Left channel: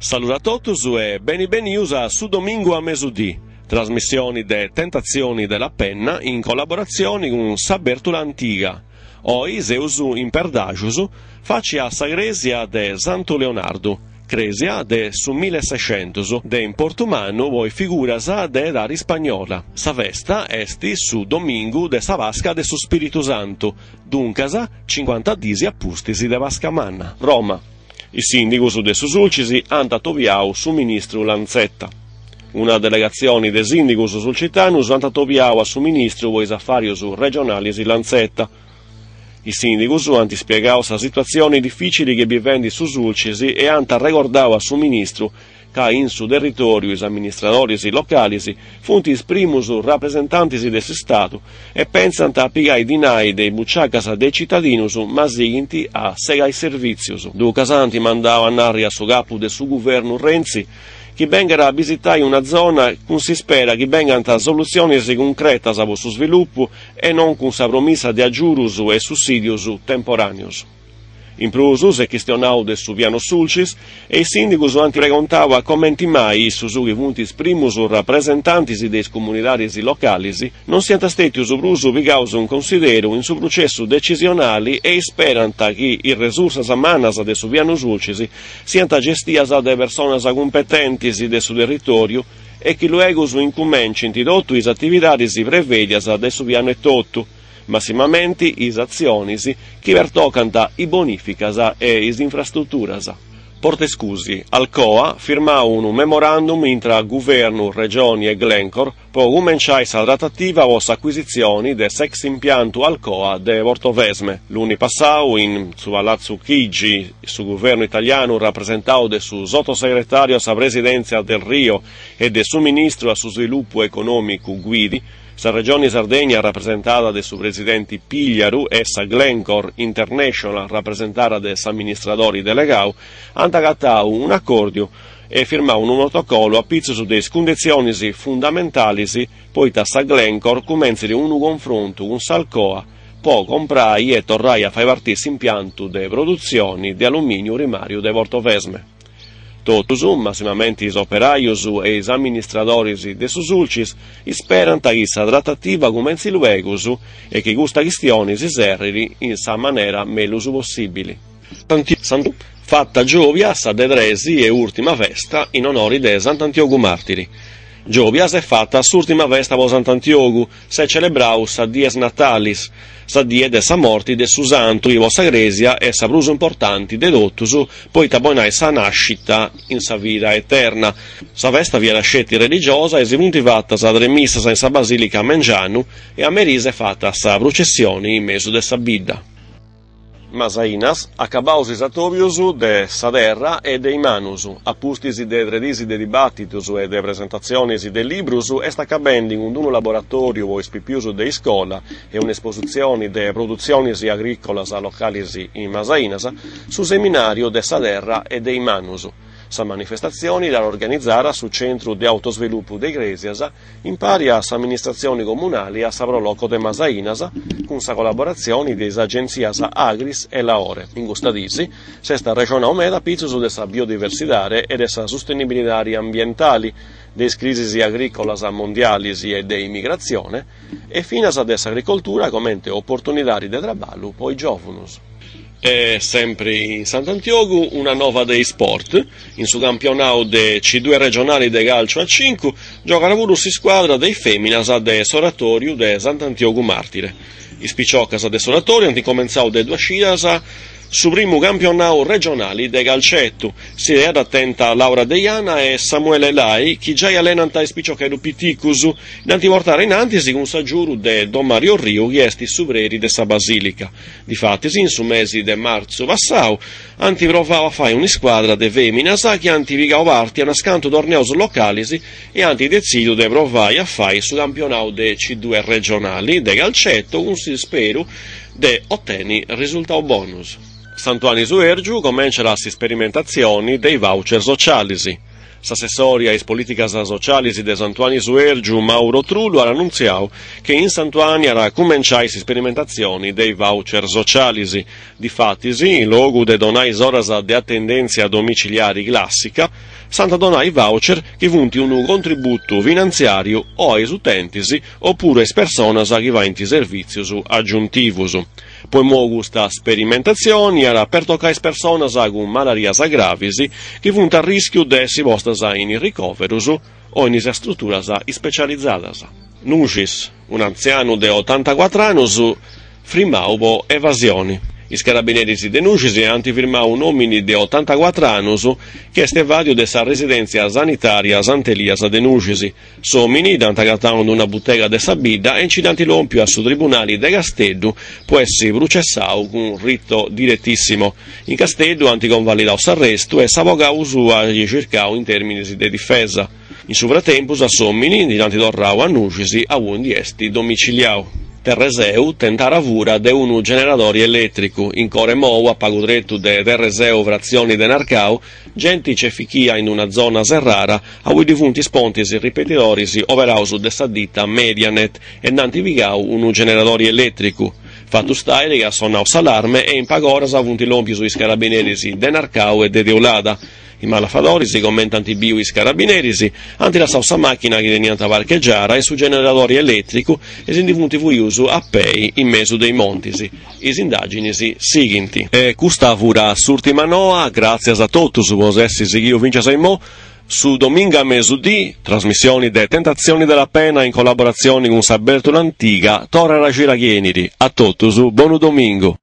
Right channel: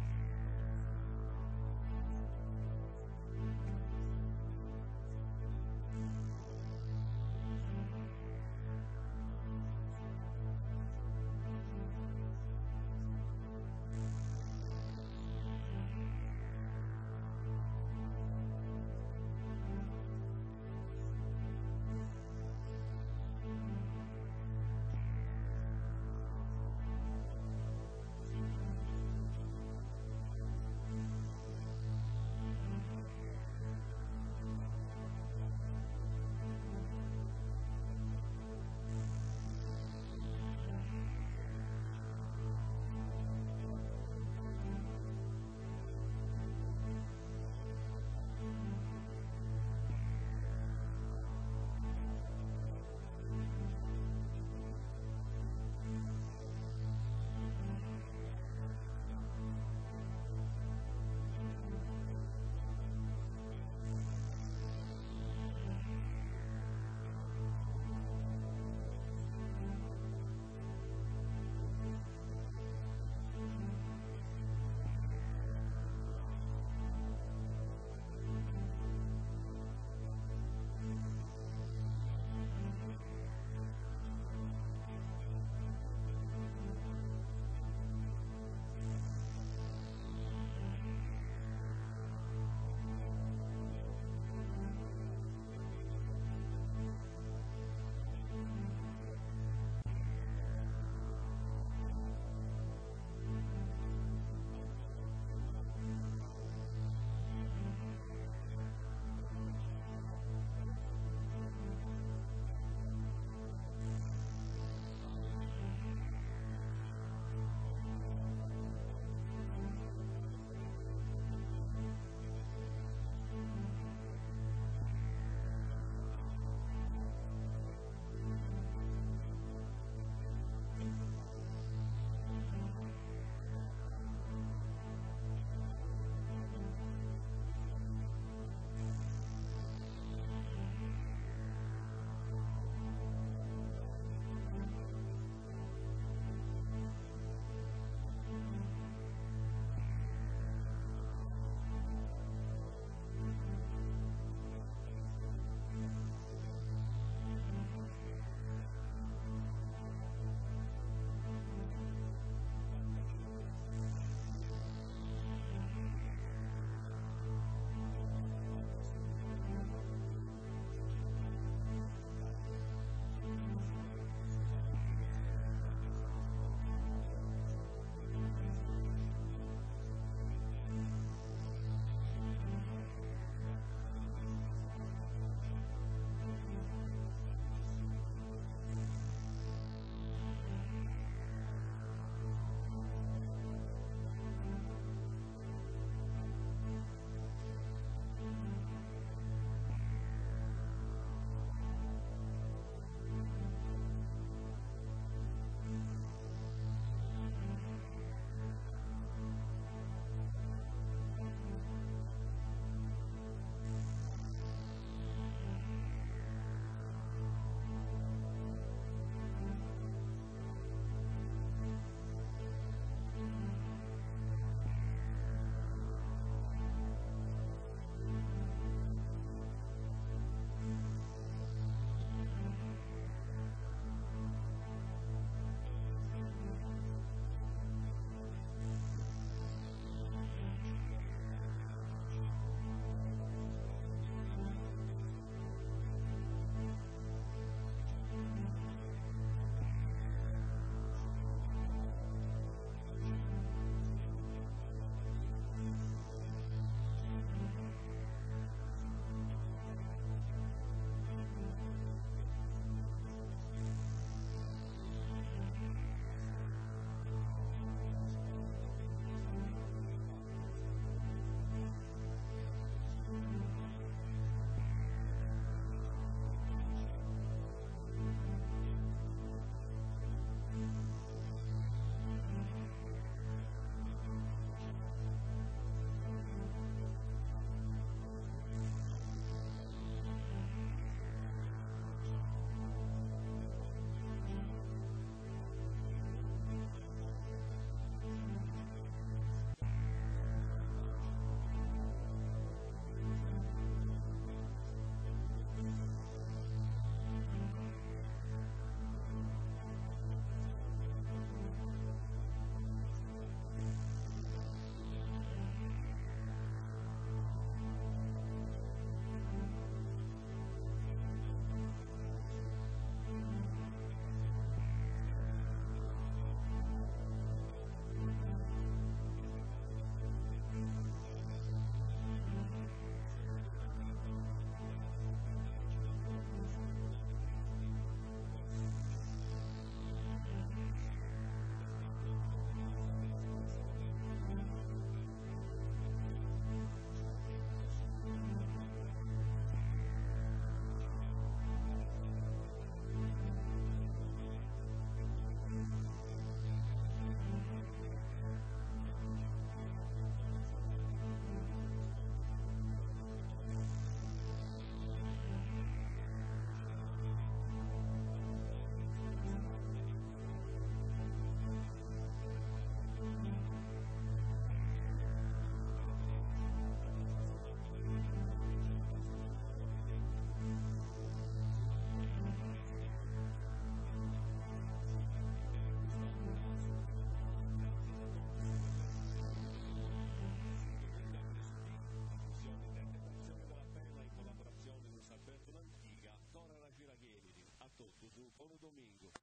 Saluto a totus e benvenuti a su domingo a mesudì, trasmissioni de Tentazioni della Penna in collaborazione con Sabertula Antiga. Oggi seusu in perdagius faci a Sagresia de Santo Leonardo, Cresia de su 1600, de in portumano voi figuras de dari spagnola. Sa festa esti su domingo de sa Vasca de su Spiritu Santo, duncasa 50 disi appustisi de Vascamanna, Roma. I sindicus de Susulcisi han tatoviau su ministru Lanzetta. Una delegazione de sindicus sulcitanus han tatoviau a su ministru vois affarius regionalis Lanzetta. I sindicus han spiegau sa situazioni difficili che vivendi su Sulcisi e han regordau a su ministru ca in su territorio is amministradores localis funtis primus rappresentantis de Stato e pensant a pigai dinai dei bucciacas dei cittadinus ma siginti a segai servizius. Ducas anti mandau a narri a su capu de su governo Renzi chi vengera a visitare una zona con si spera che vengano soluzioni concrete a su sviluppo e non con sa promessa di aggiurus e sussidius temporaneus. In plus e questionau de su piano Sulcis e i sindicus han preguntau a commenti mai su che puntis primus rappresentantis des comunitaris localis non siano stati prus pigaus un considero in su processo decisionali e sperant che i resursas manas de su piano Sulcis siano gestias de personas competentis de su territorio e che luego incumencint dotto is attivitadis prevedias de su piano e tutto. Massimamente is azionis che vertocanta i bonificas e is infrastrutturas. Portescusi, Alcoa firmau un memorandum intra governo, regioni e Glencore per cominciare sa trattativa o acquisizioni de sex impianto Alcoa de Vortovesme. L'uni passau in su Palazzo Chigi, su governo italiano rappresentau de su sottosegretario a sa presidenza del Rio e de su ministro a su sviluppo economico Guidi. Sa regione Sardegna rappresentata de su presidenti Pigliaru e sa Glencore International rappresentata de s'amministratori delegau, han agattau un accordo e firmau un protocollo a pizzo de condizioni fondamentali poi da sa Glencore comenzi un confronto con Salcoa, poi comprai e torrai a fare partire impianto de produzioni di alluminio rimario de Vortovesme. Totus, massimamente is operaius e is amministradores de Susulcis, sperant che sa trattativa comenzi luegus e che questa questione si serri in sa maniera melus possibile. Fatta Giovias a Dedresi e ultima festa in onore de Sant'Antiogu Martiri. Giovias è fatta s'ultima festa po Sant'Antiogu, se celebrau sa dies natalis, sa die de sa morti de su santo ivo Sagresia e sa prus importanti de dottus, poi tabonai sa nascita in sa vita eterna. Sa festa viene scetti religiosa e si punti fatta sa tre missas in sa basilica a Mengianu e a Merise fatta sa processione in mezzo de sa bidda. Masainas, acabaus isatovius de Saderra e de Imanus, appustisi de tredisi de dibattitus e de presentazioni de librus, est acabendo in un laboratorio o ispipius de iscola e un'esposizione de produzionis agricolas localis in Masainas, su seminario de Saderra e de Imanus. Sa manifestazioni da organizzare sul centro di autosviluppo de Iglesias, in pari a sa amministrazioni comunali a sa proloco de Masainas, con sa collaborazione de agenzias Agris e Laore. In questa disi, sesta regione omeda pizzus de sa biodiversità e de sa sostenibilità ambientali, de crisi agricolas mondialis e de immigrazione, e finas de sa agricoltura come opportunità de traballo poi giovunus. E sempre in Sant'Antiogu una nova dei sport, in su campionato de C2 regionali de calcio a 5 giocano pure si squadra dei feminas de Soratorio de Sant'Antiogu Martire. I spicciocas de Soratorio hanno cominciato de 2 scidas su primo campionato regionali de calcetto, si è attenta Laura Deiana e Samuele Lai, che già allenano i spiccioccheru piticus, in portare in antisi con s'aggiuru de Don Mario Rio, che esti supreri de sa basilica. Difatti, in su mesi de marzo passau, anti provava a fare una squadra de feminas, che anti vigao parti a nascanto torneos localisi e anti decido de provare a fare su campionato de C2 regionali de calcetto, con si spero de ottenere risultato bonus. Santuani su Ergiu comincia la sperimentazione dei voucher sociali. S'assessori ai politicas socialis de Santuani Suergiu, Mauro Trullo, ha annunziato che in Santuani era cominciai sperimentazioni dei voucher socialisi. Difattisi, in luogo de donai oras de attendenzia domiciliari classica, santa donai voucher che vunti un contributo finanziario o ai utentisi oppure es personas che va in servizius aggiuntivus. Poi mogu sta sperimentazione era per toccare personas con malarias gravisi che vunt a rischio de si vostas in ricoverus o in strutturas specializzadas. Nucis, un anziano de 84 anni, firmau evasioni. I carabinieri de Nucis hanno firmato un uomo di 84 anni che è evadio della residenza sanitaria Sant'Elias de Nucis. Somini, d'antagattano una bottega de Sabida e incidanti l'ompio su tribunali de Castello può essere processato con un rito direttissimo. In Castello hanno convalidato l'arresto e s'avvocato sua cercato in termini di difesa. In sovratempo, a Somini, dinanzi d'orrao a Nucis, a un di esti domiciliato. Terreseu tentara vura de un generatore elettrico, in core mou a pagudretto de Terreseu frazioni de Narcau, genti cefichia in una zona serrara, a cui difunti spontis ripetitorisi overaus de sta ditta Medianet e nanti vigau un generatore elettrico. Fatto stare che ha sonnato s'allarme e in pagoras avunti l'ompio sui carabinieri de Narcau e de Deolada. I malafadori si commentano i carabinieri, anti la salsa macchina che veniva a parcheggiare e su generatori elettrico e si difunti uso a pei in mezzo dei montisi. I indagini si seguenti. E questa fura s'ultima noa, grazie a tutti su posessi io vince Saimo, su domingo a mesudì, trasmissioni de Tentazioni della Pena in collaborazione con Saberto l'Antica, Torre Ragirachieniri. A tutti, buon domingo.